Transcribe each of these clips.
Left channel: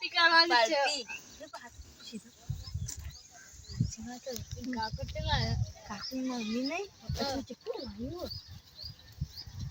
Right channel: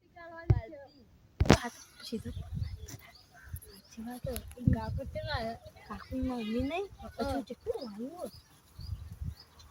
Party કરવાની છે સીધો કાકુ તે લાયા કાકુની મમ્મી નહીં પછી કેટલું લાવ્યું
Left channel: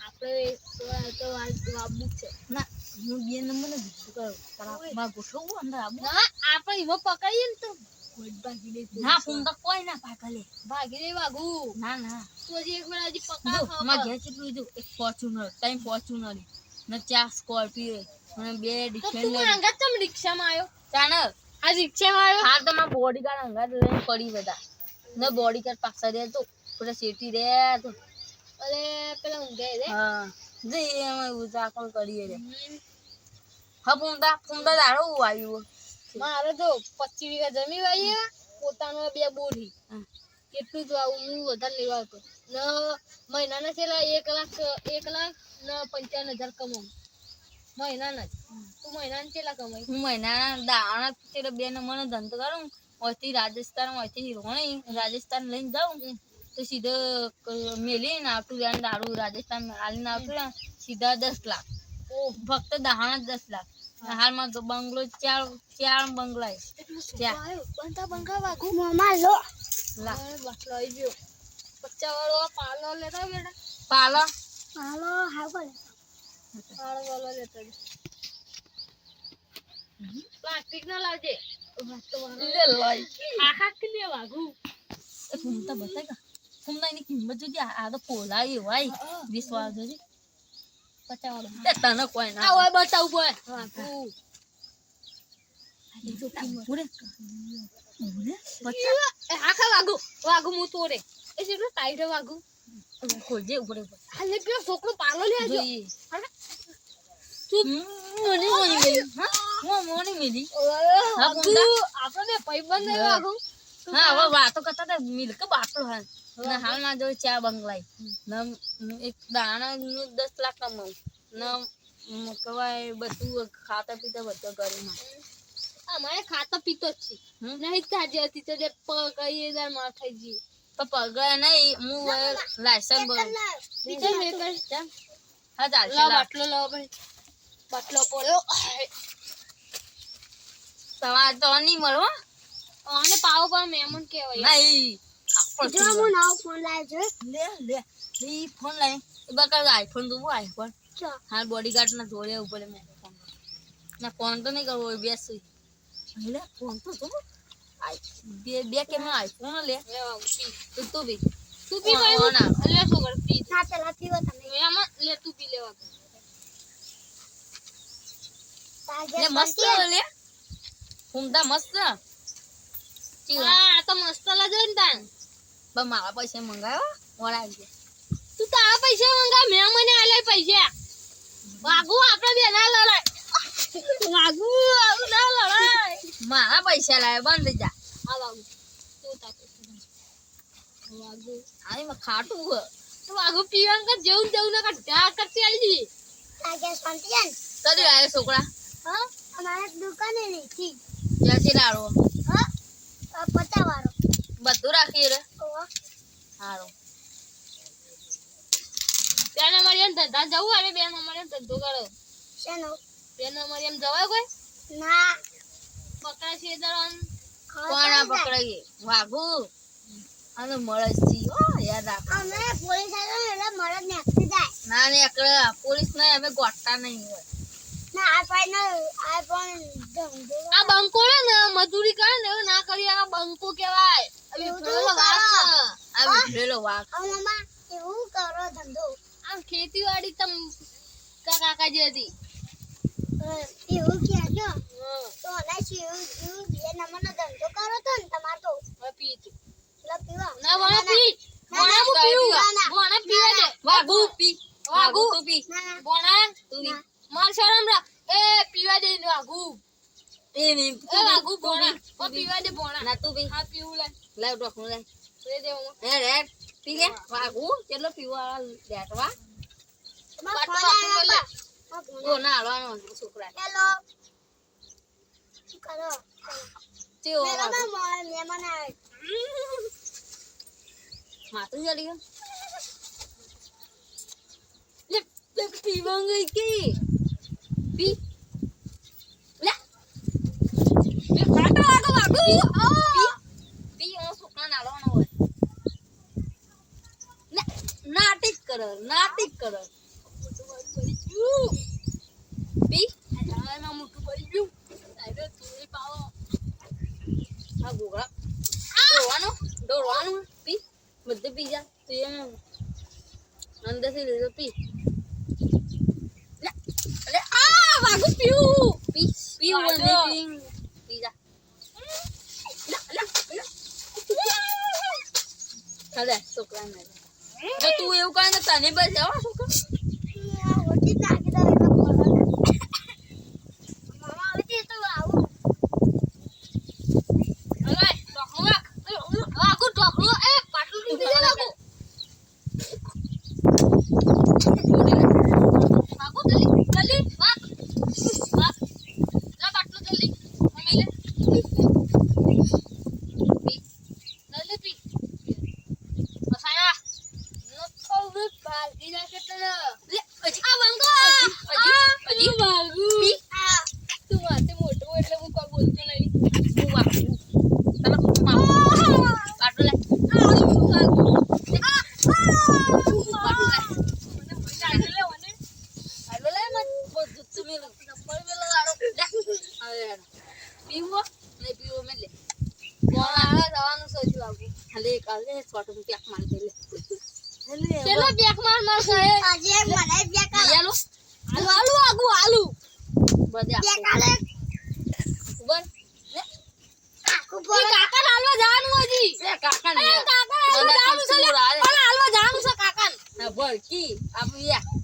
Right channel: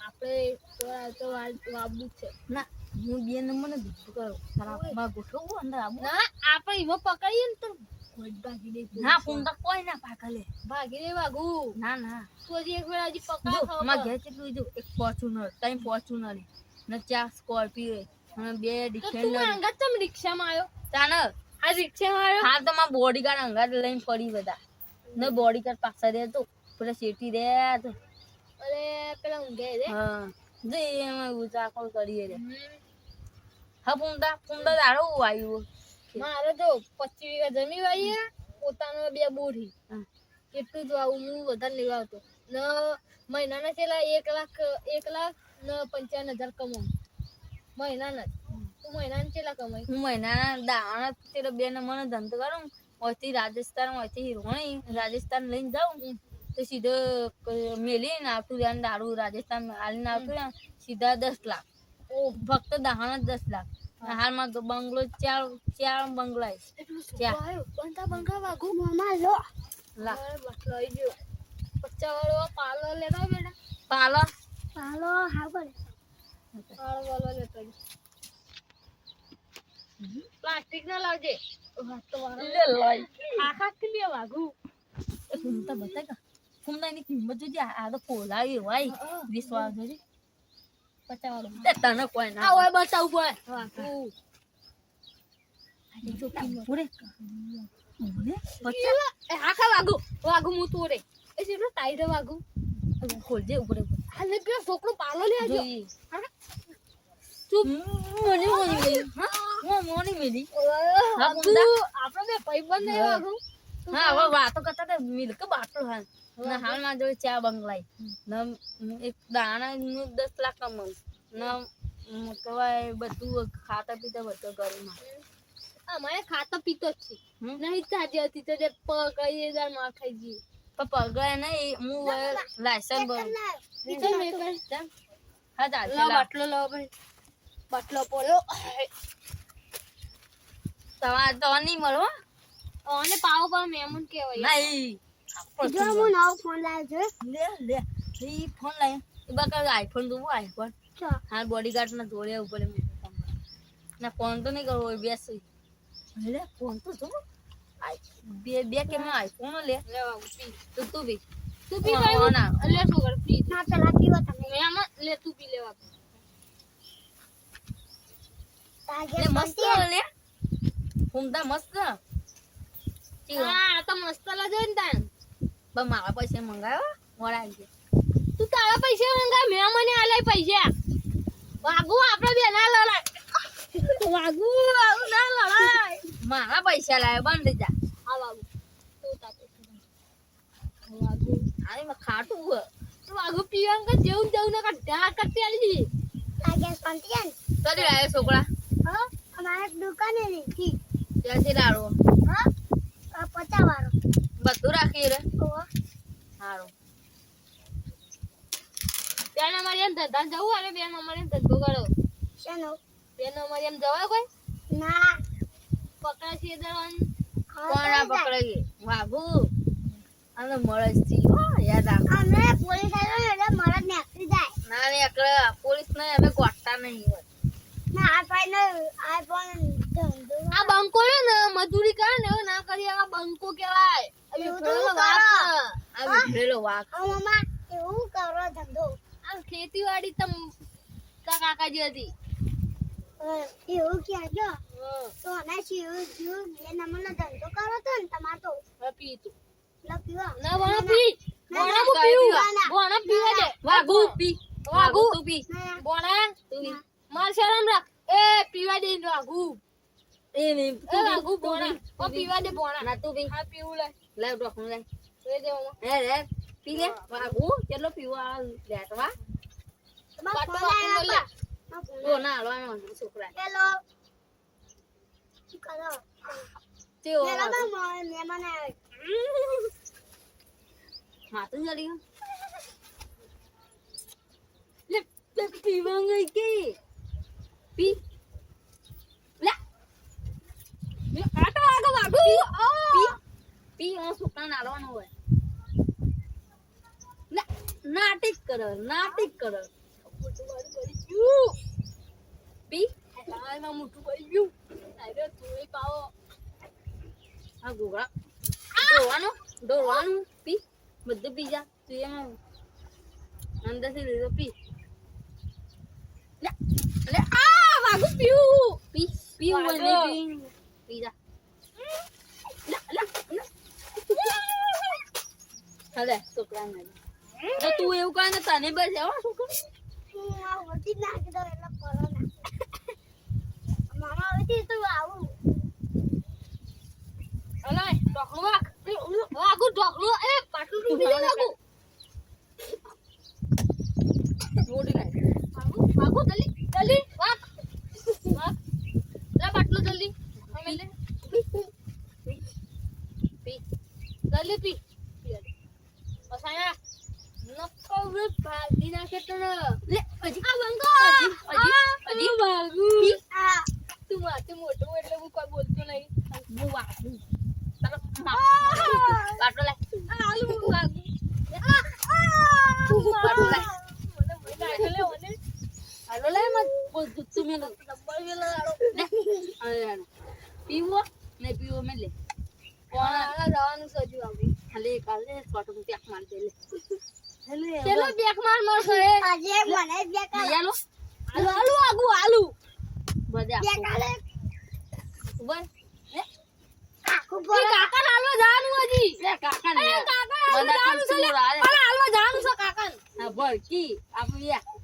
આપણે તો વાબુ છે ના હું બે નંબરને બીજું કરું તારા ગોઠવવું અંદર આવું ના આપણે એમાં પકડીએ ને તો ગોડ ભાગી દે ના ફોન તો કોઈ ના પાકલે ભાગી દે વાગુ ના ના તો હજી એક વાર હજી પકડા માં ઘેર કેટલું જો એક ફોર્ચ્યુનર ત્રણ ફોર્ચ્યુનર ને 4 સ્કોર્પિયો અને 2 ડિફેન્ડર તું અંગાત ચમ રિક્ષામાં આવ્યો તાને આ રિક્ષામાં આવ્યો હા તો માં બોડીગાર્ડ અંગાત લઈને પડી બધા ને બોડીગાર્ડ પાછા દે તો પેલા શેટી દે તો અરે પેલા ઊંઘે રે હા જે એમાં ઉજાકળ કરીએ રે હા ફૂંદા દાડો આવ્યું મારે તો 25 વીઘા જમીન વાઈ પોતાનો 2 બોરી કેટલું જ આવું હું વધારે લેવા હતો ને મહિનાના છેલ્લા 1 લાખ ને 55,000 કમાઉં મહિનાના તું મહિનાના છેલ્લા કમાઈ હું મહિનાના દાણા તેરે બે નંબરનો ધંધો કરું ઓથી રાજસ્થાન ઓથી રોણી રાજસ્થાન લઈને જાઉં તો સીધો મેલીને આવતું રહ્યા દારૂ રાજસ્થાન આલીને આવતું રહ્યા સીધા 10 લાખ ફક્ત દાણા 10 લાખ હાલમાં તો બંગલો ચાર બંગલા બનતા બંગા વાગુ મામા લો બાટલો આવી ગયો 50 વાળો પાલો લેતા બેટા પાલો હા બોલે પાલો લેતા પ્લાસ્ટિક ના લાવજે લે લઈ આખા કે વાગુ ફૂમતા બતાય ફૂમતા એની કિંમત જોજે આ તો પોલાય ભાઈ વિશ્વાસ જોજે 50 વાળો તને કોઈ ના આ ઓય બતાવ બોય વાગુ જો કિંમત પૂરે આખા વાગુ હું તોરે એ જેટલો ટાઈટ વાગુ ખોલજે ઉપર હાલે પેલો છોકરો પાલો લે આજો ચૂપ મોની મેલી હા મોની મેલી આપણે ભાઈબંધ નહીં વાગુ હા હવે વાતો કરતા હતા મિલ્ક બાટલો હા ના હાલમાં જો ચા બંગલાઈ એક દાણા નું 10 લાખ કમાવું ના કવાય બધું ખાતા પીતા બધું ઘરમાં અમારે ખાતો પીતો જ છે નહીં તાજી હતી તો જે કઈ હજાર માં ખાઈ જઈએ તો પગાર નહીં હું લાયસન્સ બન બીજો મે કર હા ચાલશે લા બાટલો લાવ ભાઈ બાટલો પડ્યો સવાર તો નહીં મળો અને પાવ મહેમાન કહેવાય નહીં જો હું નાવ ફોન લાવ્યો છે લે એ ફોન લાય એ બકા આઈફોન દઉં આઈફોન હા બોડીગાર્ડ ના જોડે ઉપર મેં ના ફોન તો નહીં કરવો બેસ લે ફોન તો જો બે કે નો આઈફોન લે તો તું બી ભાઈ લે છોકર પી ના પેલા પીવો તમે મહેમાન લે તું પી લેવા લે મસ્ત લે ફૂમતા મસ્ત હા તો મસ્ત લાગે ને તાન બા મારા પૈસા મંગાવ્યો મોડા ગયા તું તારા પૈસા મંગા મેં મને આલે પૈસા વાગુ આપણે બે ના લડાય વાગુ આવું ના લડાય મારા પૈસા લાવે બંધ થઈ જા આ વાગુ તું તા વાગુ આની માં ખાટું તો વાગુ પીવાન કે જેવું ના કાઢા કરતી આલી જી લાગે શાંતિયન કદી આયો છોકરા હા અમારા દુકાને લીધી જલ્દી લાડો હા 50 વાળો બધું રાખી રે ઓ હારું બેન અમારી એમ ધંધા જવું આવે બેન અમારી એમ ધંધો કરો શેનો બેન અમારી એમ જવાય કોઈ ના પકડા છે દરન કોણા પકડાઈએ વાગુ આનો મળસ છી હો યાદ રાખ અમે પોલીસ આવ્યો એટલે મરદ નાખી જાય ના ને એકલા પોલીસ ને અમે ગોટતા નહીં હોય ના આ પણ ધંધો આ બંકો ને મજૂરી કરે ને એવું ના કરી આ બંકો કહેવાય અમે ફેરલો વાક આ વિખરેલો વાક મમ્મા એવું કરો ધંધો આમ ખેતીવાડી તમ કાકાજી હતી એવું કહેજો તો ના શિવ બે નંબરનો ધંધો કરો તો ને તમાર તો પી તું પીવા ના વણા પી વણા પીવા દે વાગુ પી વાગુ તું પી વણા તું પી માર શરમ રાખ એ પીવા દે વાગુ એ ની એ વાગુ વણા ઓ પીવા દે વણા ના તું પી હા પીવું લે લાવ ડોકનું લે રે દે હું હે રે પી લે વાગુ કેટલો પીવા લેટવા ઓ ના હાલવાનો છોકરા હેલો કરો ચેવો મહેમાન આવે માતું જડી ગયો લે પીવા ગઈ કે પી લે પી ઓ છોકરા નાલવાનો હોય નાટક કરે પી એમાં મોટું પડી ગયું થોડી પાવો આ ગોગળા દોડવાનું પી બધું પી જા તું એમાં અંદરથી લીધો પી લે આ વાગુ પી પી જા હાલે છોકરા ને તો તું એવું કહે ને તને બસ આવો છોકરા વટી નાખી દો એટલે ખોરા મામા વટી તો આવું અરે ઢોકળું એ પાટલું તૂટી જાય લાગુ જલ્દી વાક લા પાટલું જલ્દી મેલે પી જલ્દી પી પસાયા નકો વે ભાગી નાખે તને લે હજી આ બંગો હજી ભાગુ પી આ તું માથે મોટો એટલે હું કોઈ બોલતો નહીં હું વાગું તને પાટલું લે પીવો ને પીવો મેં લે જવાનું સજુ આવું હાલે કાલે સ્વાટો પેક મારી દે લે ચલો બેક માર કહે આજે મને બેક આલુ આલુ બધે બેક આલે બોલ કાકુ ઈ કાકા હાલવા જવાનું હજી એ કાકા ને કાકા હાલવા જવાનું છે પણ હાલવા જવાનું છે કાકા હા બોલ કી આપણે યા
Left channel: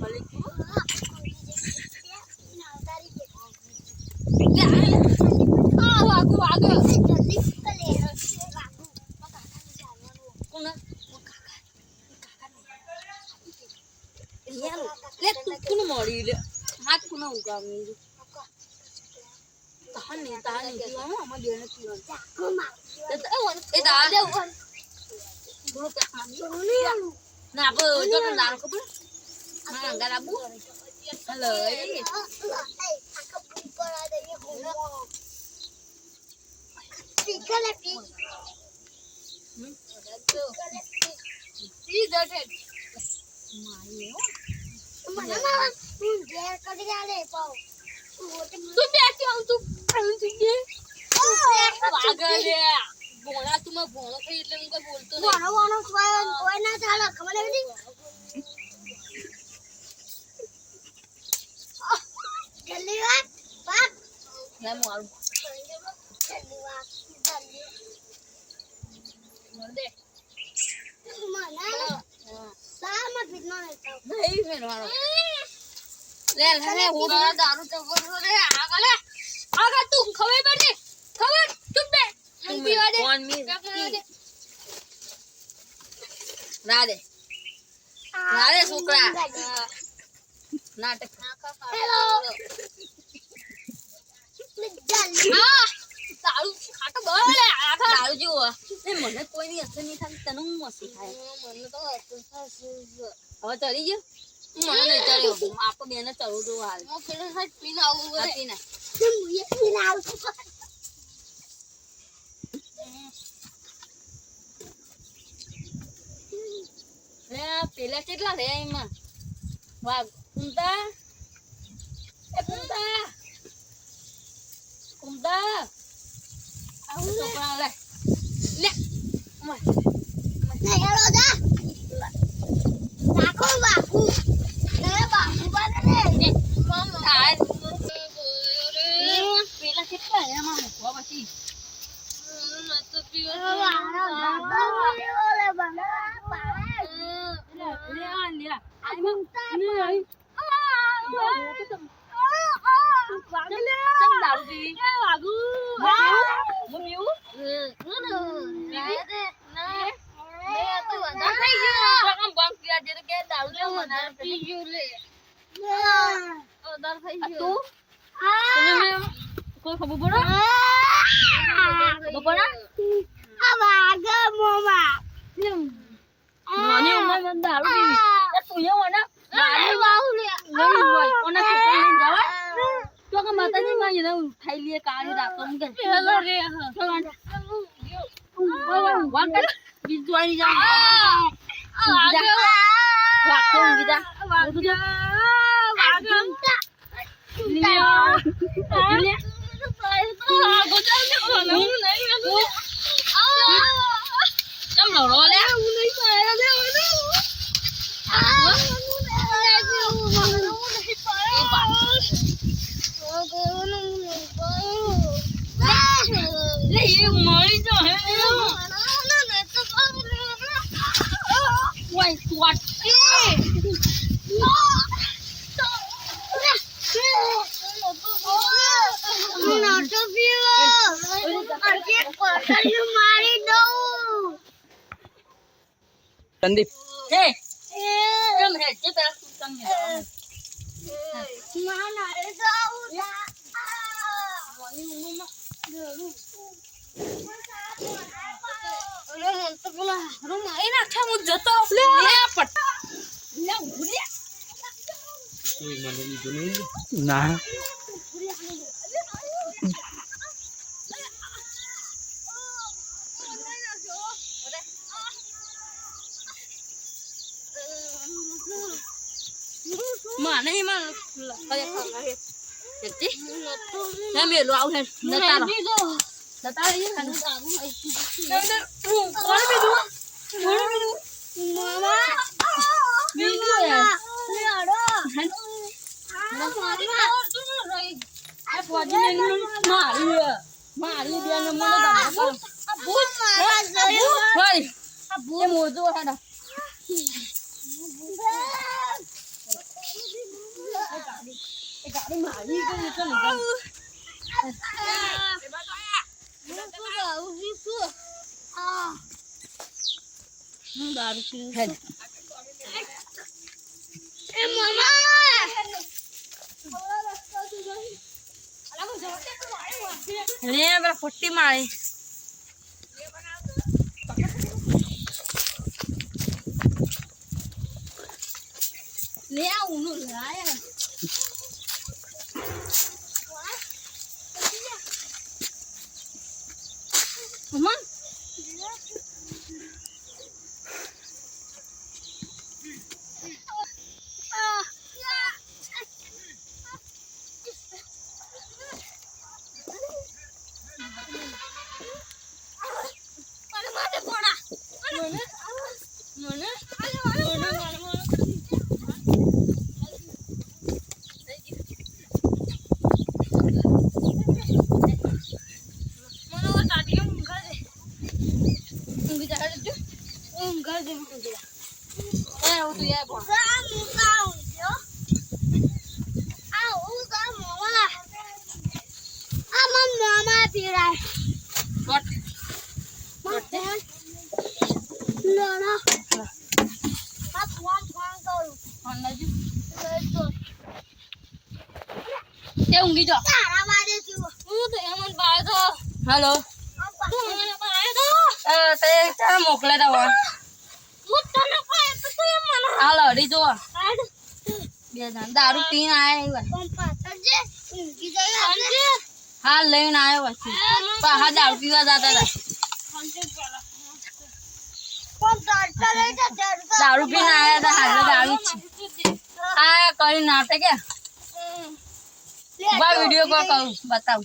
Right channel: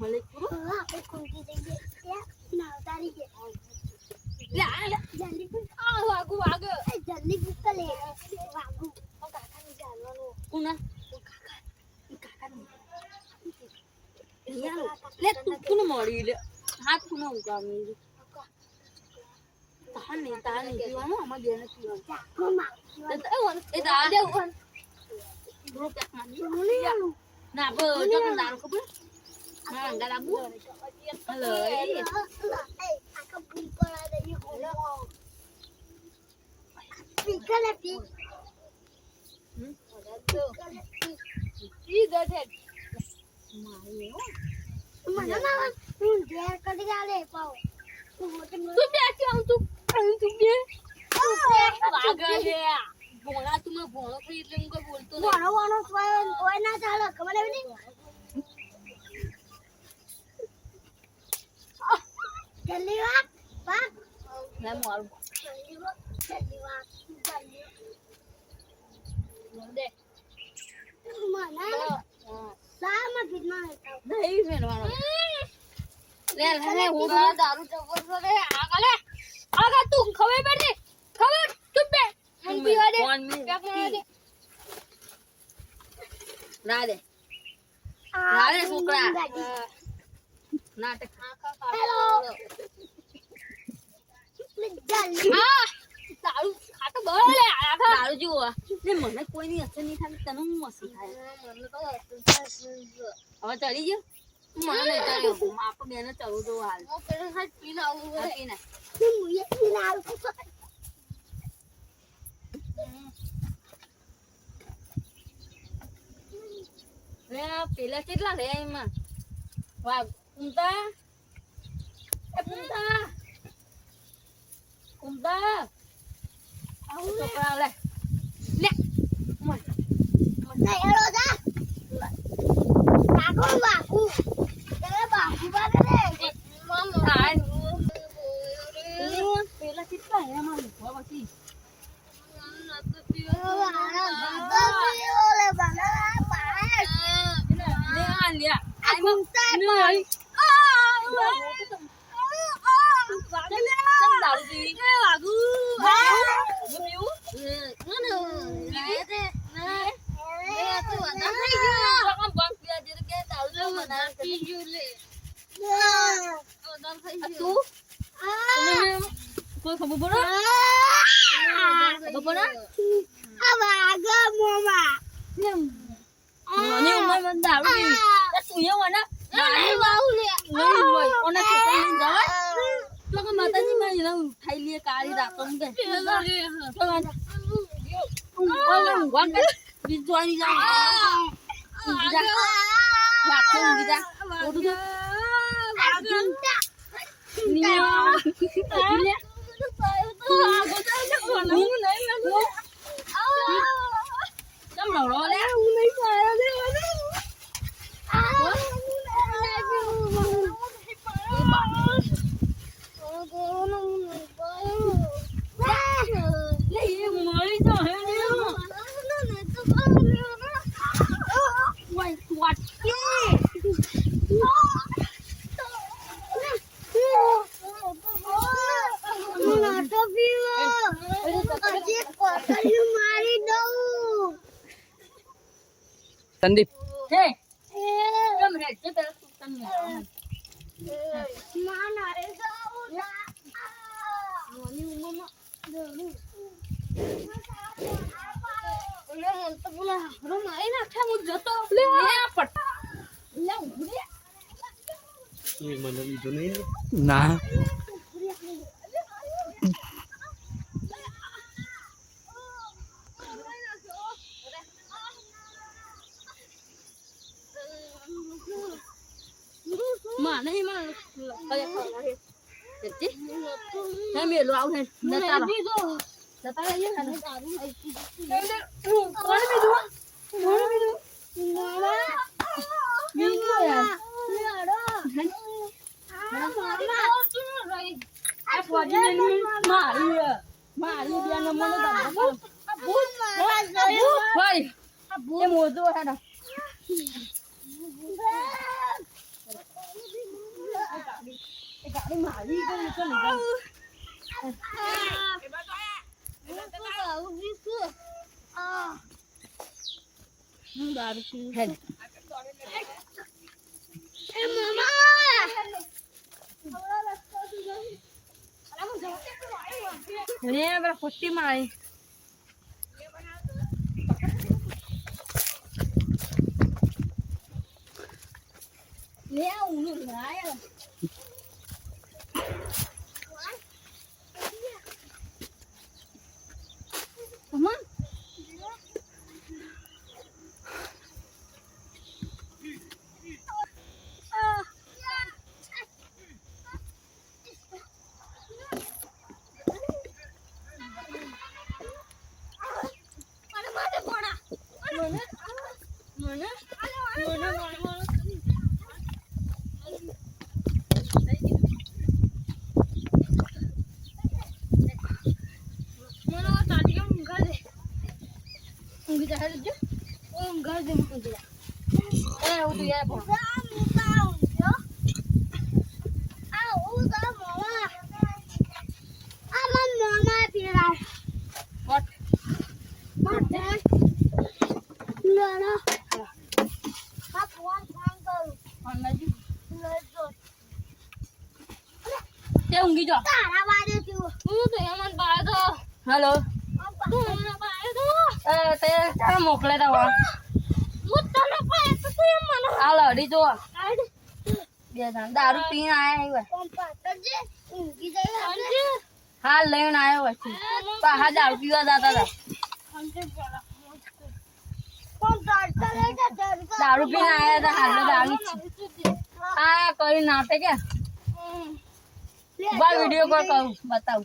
મલિક આપણે કોંકી જઈએ ના તારી કે આ વાગુ જલ્દી લે વાગુ કાકાને જાણવાનું કોના લે તું કોને મળી લે હાથ કોને ઉગામી તાને પીવાનું આમાં બેને પીવાનું ચાકો માર એ દાલ દે થોડો પેક મારી ના બો જો કે દાલ ખબર ના અંગા લાબુ હલો એ આકા પૂરી પડા દે હોલો પીકલે પી ઈ દઠે માય મને હું જે કરી આલે પાવ તું બેઠી આવ તું બે વાગલે ભોળા તું માં ભોળો થઈ એટલે હું કઈ બોલતો નહીં વાણો કોઈ ના ચાલે ખબર નથી જલ્દી વાક ના મારું જલ્દી વાક બોલ દે મને સામા પીટમાં રહેતા નહીં મેરવાનો લે હું દારૂ ચગડતો રે આગળ તું ખબર પડે ખબર તું બે હું પીવા દે રાધે છોકરા નાટક હેલો જલ્દી દારૂ ખાટો બોલે દારૂ જેવો ને મને કોઈની અસર નહીં થાય તને હું અસર થાય મને તો અસર થાય હવે ચડી ગયો મને નહીં ચડ્યો આપણે બેને ચડવું તો હાલ હું પેલો હાથ પીને આવું પીને મુયે પીને આવું લે પેલા કેટલા રે એમાં વાગ કુંતા એ કુંતા આવું છોકરા લે લે નહીં હેલો જા કાકો બાપુ રે બાપુ બાપુ રે મમ્મા પેલા કેટલા એમાં મૂકવા પછી નતો પીવા ઓલે બંગલા પાસ લે આ લે આ ઘૂમતા નહીં વાગલે તમ દારૂ એ વાગુ હું પીવું ના તો વડા થઈ ગયો કામ બંક પીયા જે કે દારૂ લે મને પી ગયો લે દારૂ થઈ ગયો તું તને મે કોઈ ખબર પડો ખબર આ વાગા મોમા મને ઉમર મને દારૂ પીવી તું એ મને દારૂ વાવ લે લઈ ઓને તો લઈ જાવ તો કે માતા માં એને ઉઠાઈ લે કાળી રાખો કે પેલા રે બીજવાણી જા રાખો બીજા chăm đầu rồi đấy lấy gì mới rồi quay quạt Sandeep Hey, em hết chứ tao không tâm nhỉ? ના Mana ni mah kayak kayak jadi saya melu au hen data data aja kan mana bedu mama bedu ya ni ada apa aja ni mari dia nama dah abut mari dia mau tu ada cái mãi cái này ini berapa putih mai leo nụ lái Mama Thế unggi cho. Halo. Thế cha một lên đâu à? Alo đi cho. Bây giờ daru pin này rồi. हाँ लेना आया बच्ची बाहर दारू पीवा जाता था दारू पीने आया था हाथ में दारू आया कोई नाटक है बा वीडियो कॉल करूँ बताओ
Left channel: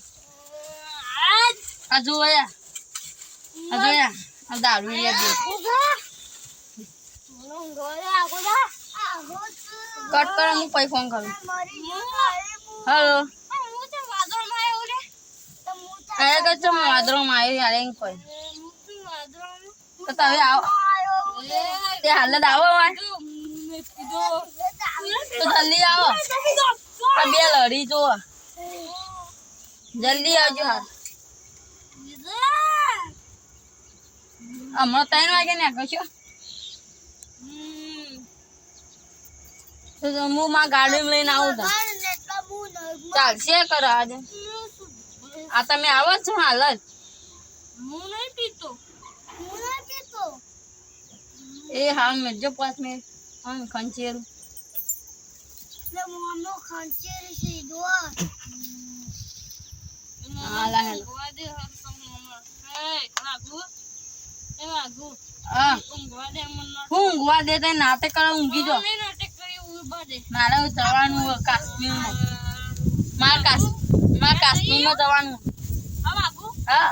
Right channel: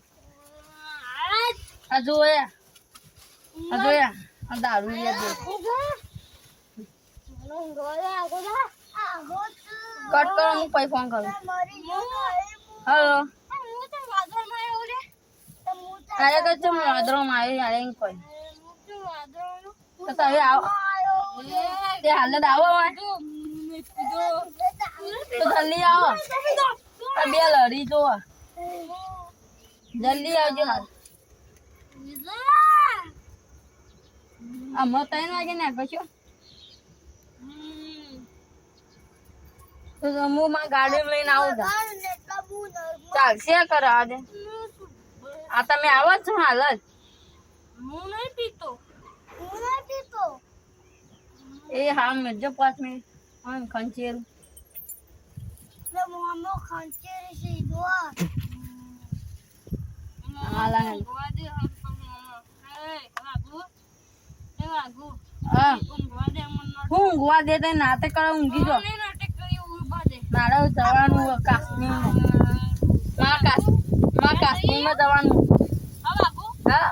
अजोया अब दारू लिया दे कट कर मुझे पैसा फोन करूँ हेलो अरे तो तुम वादरों में आये यार इनको तो तभी आओ ये हालत आओ वहाँ तो जल्दी आओ अब ये लड़ी जो जल्दी आओ जी हाल हमारा टाइम आगे नहीं आगे क्यों तो मुँह माँ गाड़ी में लेना होगा चल शेयर करा दे आता मैं आवाज છું હાલ જ હું નહીં પીતો એ હા મેં જો 5 મિનિટ हम खंचेर ले मोहम्मद खंचेर से दो ઊંઘવા દે તે નાટક કરે ઊંઘી જો મારે જવાનું કાશ્મીરમાં મારા કાશ્મીરમાં જવાનું હા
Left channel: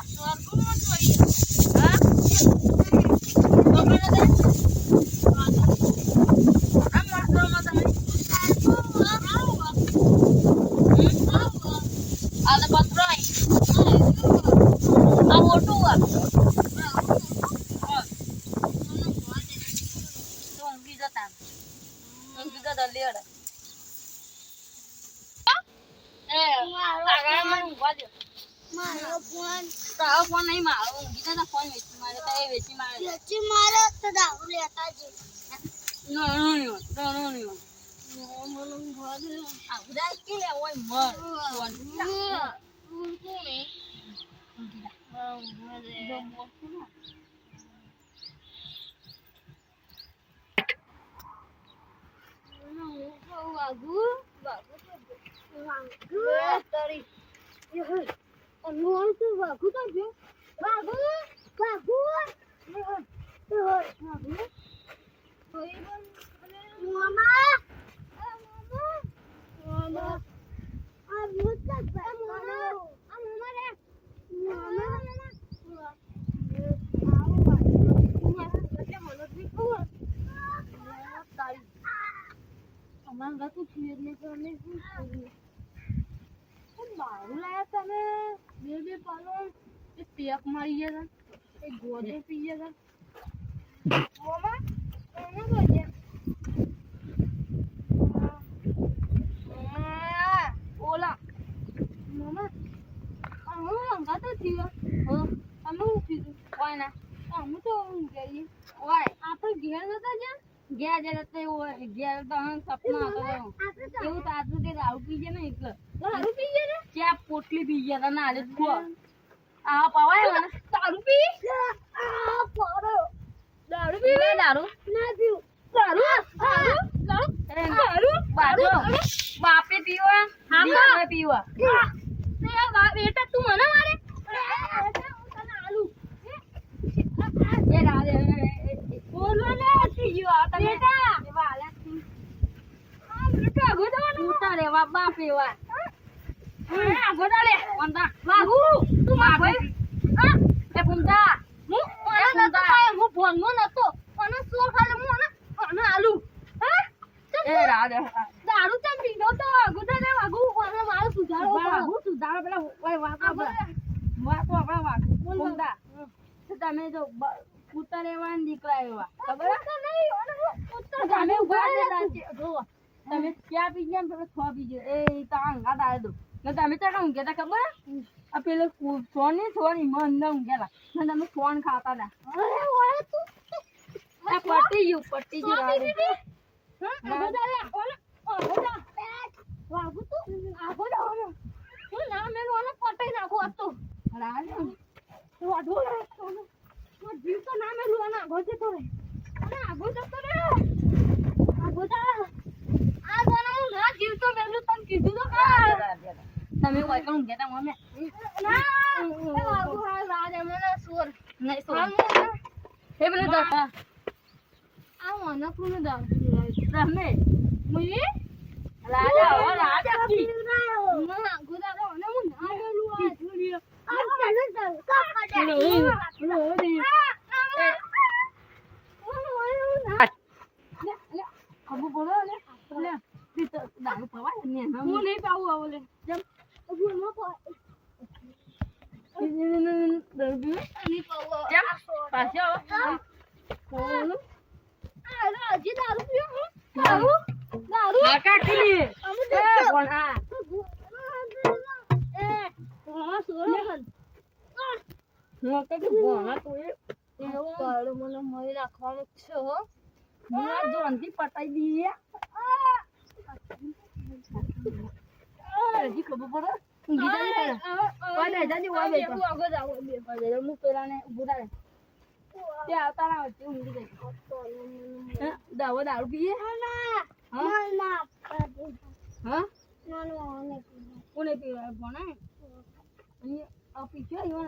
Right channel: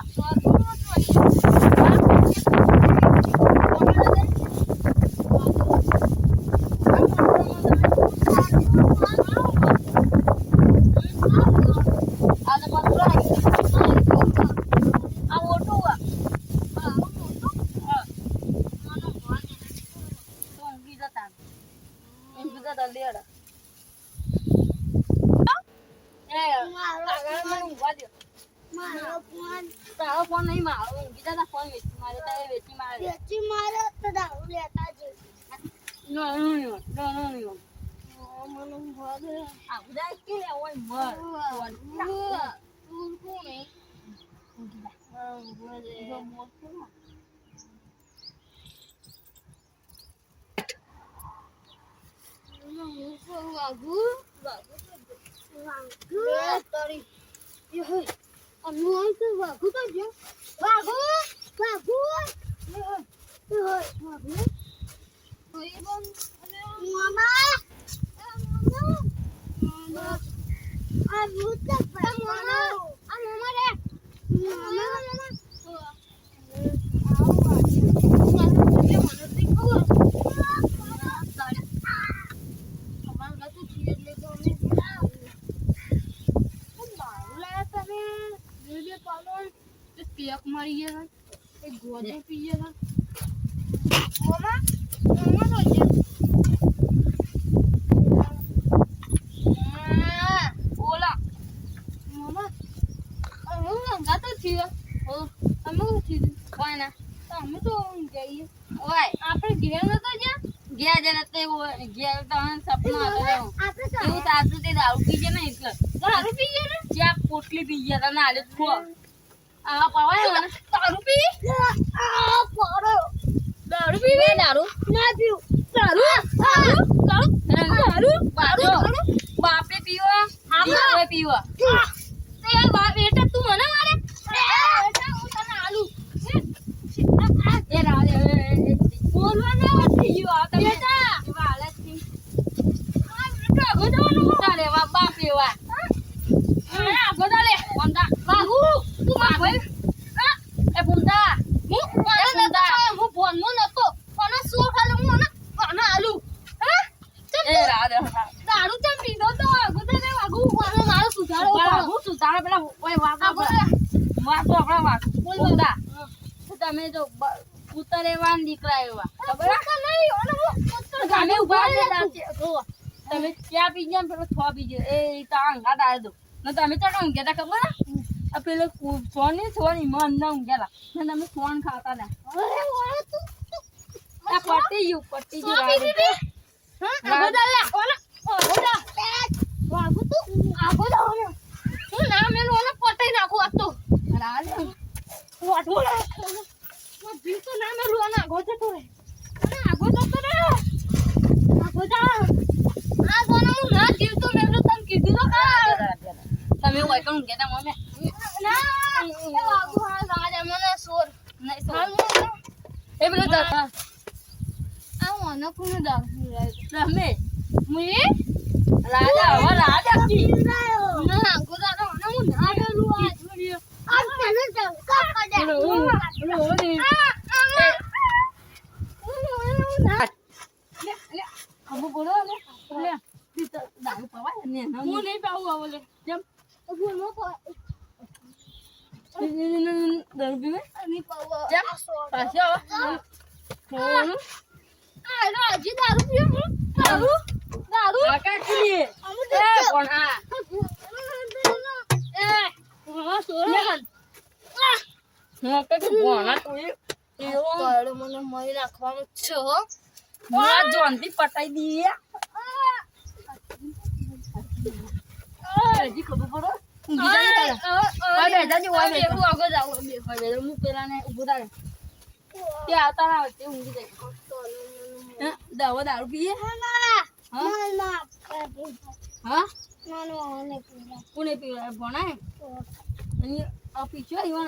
મારો ફોન તારો ફોન નહીં મારો ઊંઘી જતા ફોન વેચી મારે તો એ વેચી મારે વેચી મારે તો દારૂ લેતા જ નો મને ઊંઘવા દે આ બધા કે લે ઓય મર ફોન કોણે ઊંઘી જા ઊંઘવા દે જો મોર કોણ વાગુ તારી અમુક વાગુ તો જો વાગુ વાગુ મામા મામા આ ભૂત મામા આ મામા રે પેક મારી ગયા એક ગોદો પી ગયા મામા મામા તો ઓલા મામા અમે ઊંઘા તો થયો અમે ઉઠી કોઈ ના અમે તો જઈએ ઓય આપણે ઘેર નતા જ્યાં ગયા જરા તો ઘેર તો સપના હતા આપણે તો એવું તાતું તે દારૂ પી ગયા ને એટલે દારૂ પી ગયા ને જ્યાં પોટલી પી ગયા તા નાલે ખો આ પવાય ને દારૂ પી આ પાડો દારૂ પી દારૂ ના પીવું દારૂ બાપે પીવા દીકરે પીવા તે બાપ બેટા તું મને મારે હું તને આલુ એ રાડે બોલવા ને થઈ ગયો આ તમે બેટા એવા હાલત થી આ બેટા ગોદવાનું મોટા લેવા બાપ એવા આ ગોદા લે વંદા બાબુ તું માર ભાઈ એ પુંતા હું ફોન માં નતો અને સો ખાલી હું અને આલુ એ રાડે દારૂ ચમ પીધો તો ગોદા ને વાગુ મારો સુધારો વાગુ સુધારો પેલા ઓય વાગુ વાગુ આપણા વાગુ પુંતા તમે જો પુત્ર એવા ને દીકરા એવા ખબર તમે ઉભા તમે ક્યાં પી ગયા પેલો છ પી ગયો એ તો અંગા ડાળ દો ને તમે તો ઊંઘ્યા તા ખબર આ પેલો સોની મન ના ઊંઘ્યા તા ને તમે ફોન ખાતા તા આ પટી ગયું વાગુ તું આગો જાવ ને હું ના મેલું અને પટાઈ નાખું આ તો વાઢો ના જીવ તો ના મેલું અને આગો જતો રે અને આગો જતો રે આગો જા આ કોને હું ના જીવ તો મેલું તમ કીધું તો કા તમે ઓય કણ ઊંઘ્યા તા મમ્મી ના એ વાગુ હા રાજ મને સોર નહીં સો એ પેલો દા આ મને કોને દારૂ રમે મુઈ રાજા કી ના ગોદાનો ને હું ના મેલું આ છોડ્યો આ તને જાવ કાપા દે અબુ બોલો ને લે દારૂ પવાય ને હું નહીં પાવું આવો લે જેમ હું નો દારૂ પીવે નહીં પાવું જેમ પાછો આ રાજી દારૂ પીએ હું દારૂ કાકા કીલી અમે એ કોણ આ એ હા સોરન હું કે બોના તું એવો તારે મને મરી નાખવાનું છે હો આ જોનથી પટાઈ દીએ જી ખબર પડો ઊંઘી જાય તારે ઓય બેજા જી ઓય બેજા હું આગળ જાવ બે હવે હું પેલા ને ઊભો થાય કે આવતા ના વચ્ચે ઊંઘી જાય દાવો દારૂ પીએ ના હા ના હા ના ના કોને પીવે ભણાય અને આ પીછો ઈવન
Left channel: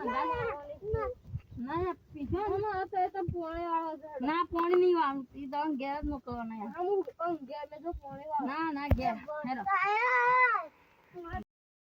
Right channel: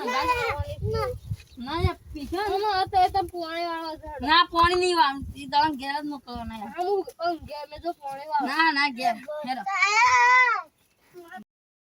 ના ના યાર પીછો આમાં તો તમે પાણી વાળો છો ના પાણી નહીં વાળું ઈ તમે ઘેર જ મોકલો ના યાર હું ઘેર મેં તો પાણી વાળો ના ના ઘેર હેરો